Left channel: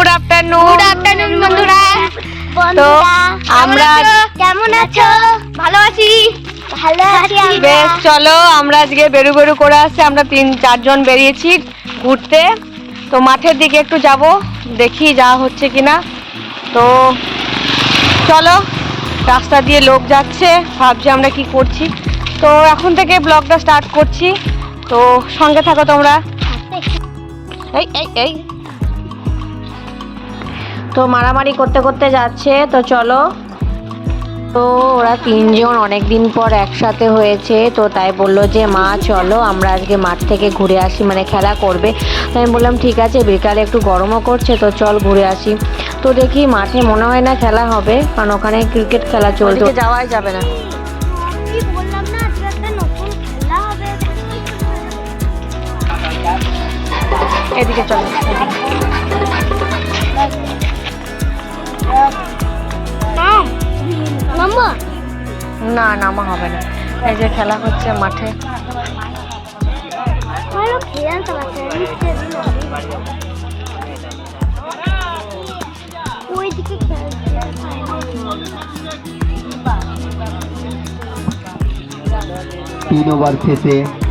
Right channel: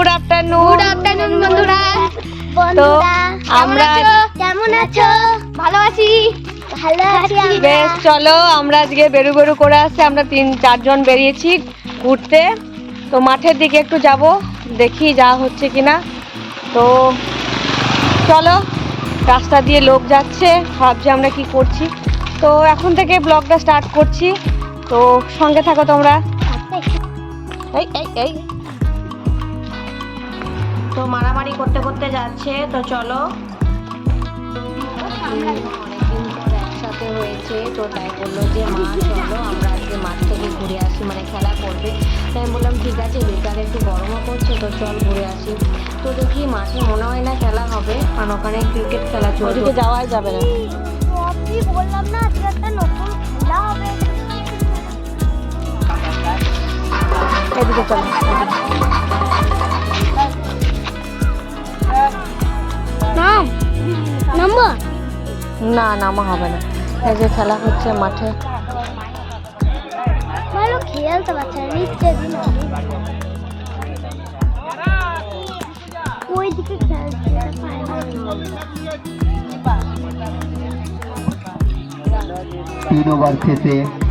Good afternoon বন্ধুরা। আমরা কেমন আছো? ভালো আছি বেশ, চলো আমরা আজকে বেরু বেরু করে আসছি। আমরা 3-4 জন বেরিয়েছি ঘুরতে। তো মাঠের দিকে একটু যাব, দেখি যা হচ্ছে কিনা। তো চলো, রাস্তা দিয়ে লোক যাচ্ছে, ভাবছি আমরা কি করছি। তো এখন থেকে ব্লগটা স্টার্ট করছি, তো সঙ্গে থাকো তোমরা। এই এই এই তো মারামারি করতে করতে যাচ্ছে। তো চলো, তো ওরা 3 জন অনেক দিন পর একসাথে হয়েছে, তো তাই বললো যে মা চলো আমরা আজকে মাঠ থেকে ঘুরে আসি, মানে খেলা করবে। তো আমি বললাম ঠিক আছে, বিকালে একটু গরমও করছে, তো চল ঘুরে আসি। তো দেখি মাঠে মনে হয় না খেলা হবে, কারণ ওখানে ক্রিকেট খেলা চলছে, যাওয়াই যাবে না। এদিকে চলো, না নামা হবে না, এই যে খেলা হচ্ছে মাঠে।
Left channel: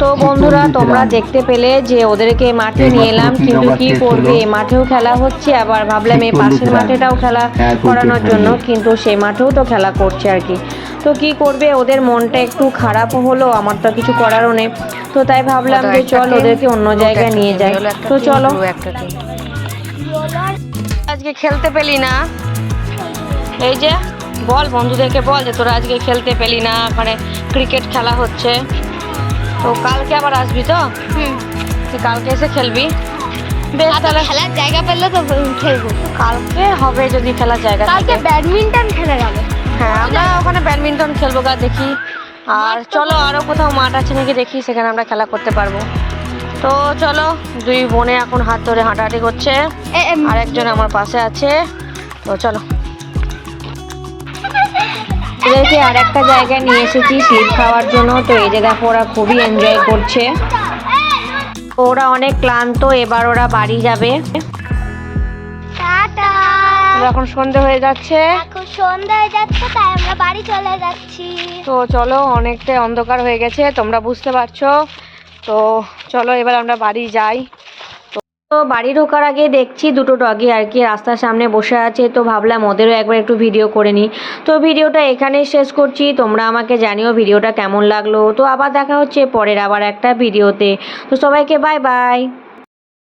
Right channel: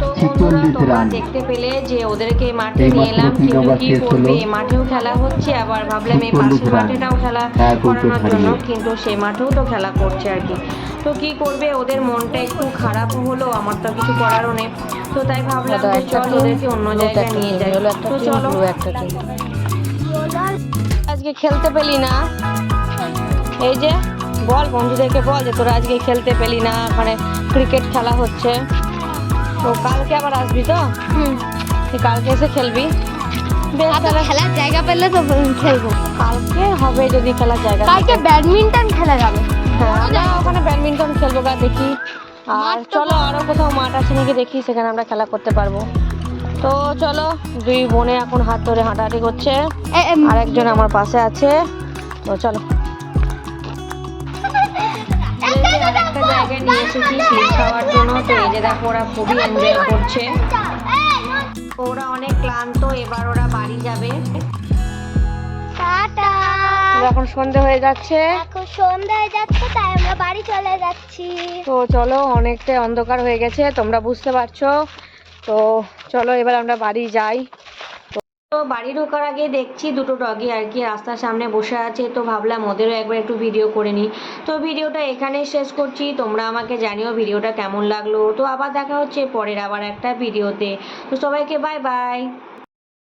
তো বন্ধুরা, তোমরা দেখতে পেলে যে ওদেরকে মাঠে নিয়ে এলাম, কিন্তু কি করবে, মাঠেও খেলা হচ্ছে, আবার ভাবলাম এই পাশের মাঠেটাও খেলা করানোর জন্য, কিন্তু সেই মাঠেও তো খেলা করছে আর কি। তো কি করবে, ওদের মনটা একটু খারাপ হলো, আমার তো কিছু করারও নেই। তো তাই ভাবলাম যে চল ওদেরকে অন্য জায়গায় নিয়ে যাই। তো চলো, আজকে খেলতে পেলি না, এই যে বল বন্ধুদেরকে বল যে তোরা আজকে খেলতে পেলি না, ওখানে ক্রিকেট খেলা হচ্ছে। তো কালকে আবার আসবি তো? তুই কালকে এসে খেলবি। বেশ, তাহলে খেলার জায়গা পেলে তো খেলবো। কালকে হবে যদি খেলার জায়গা থাকে। ব্যাডমিন্টন খেলা যাবে। হ্যাঁ, আমরা ওখানে ব্যাডমিন্টন খেলবো, দেখি। আর চলো আরও কোথাও মাঠ আছে নাকি দেখি, সেখানে আমরা খেলা করতে পারবো। তো চলো, 2 বোনে এখন হাত ধরে হাঁটাহাঁটি করছে, আর একজন আমার পাশে আছে। তো চলো, ওদেরকে আর একটা জায়গায় নিয়ে এসেছি স্লিপ খাওয়ার জন্য। তো এই যে দেখো, ওরা খুবই এনজয় করছে। ওরা অনেক ক্লান্ত, এবার ওরা বাড়ি যাবে। এখন সন্ধ্যা হয়ে যাচ্ছে, তাই আমরা বাড়ি চলে যাচ্ছি। তো চলো, অনেকটা অন্ধকার হয়ে গেছে, তোমরা বুঝতে পারছো। তো চলো এবার আমরা বাড়ি যাই। তো বাড়ি ঢোকার আগে দেখছি 2টো ডগি আর কি রাস্তার সামনে বসে আছে, তো ভাবলাম ওদেরও একবার একটু ভিডিও করে নিই। তো ভিডিওটা এখানেই শেষ করছি, তোমরা আমাকে জানিও ভিডিওটা কেমন লাগলো। তো আবার দেখা হচ্ছে পরের আবার একটা ভিডিওতে। তো সবাইকে বাই বাই।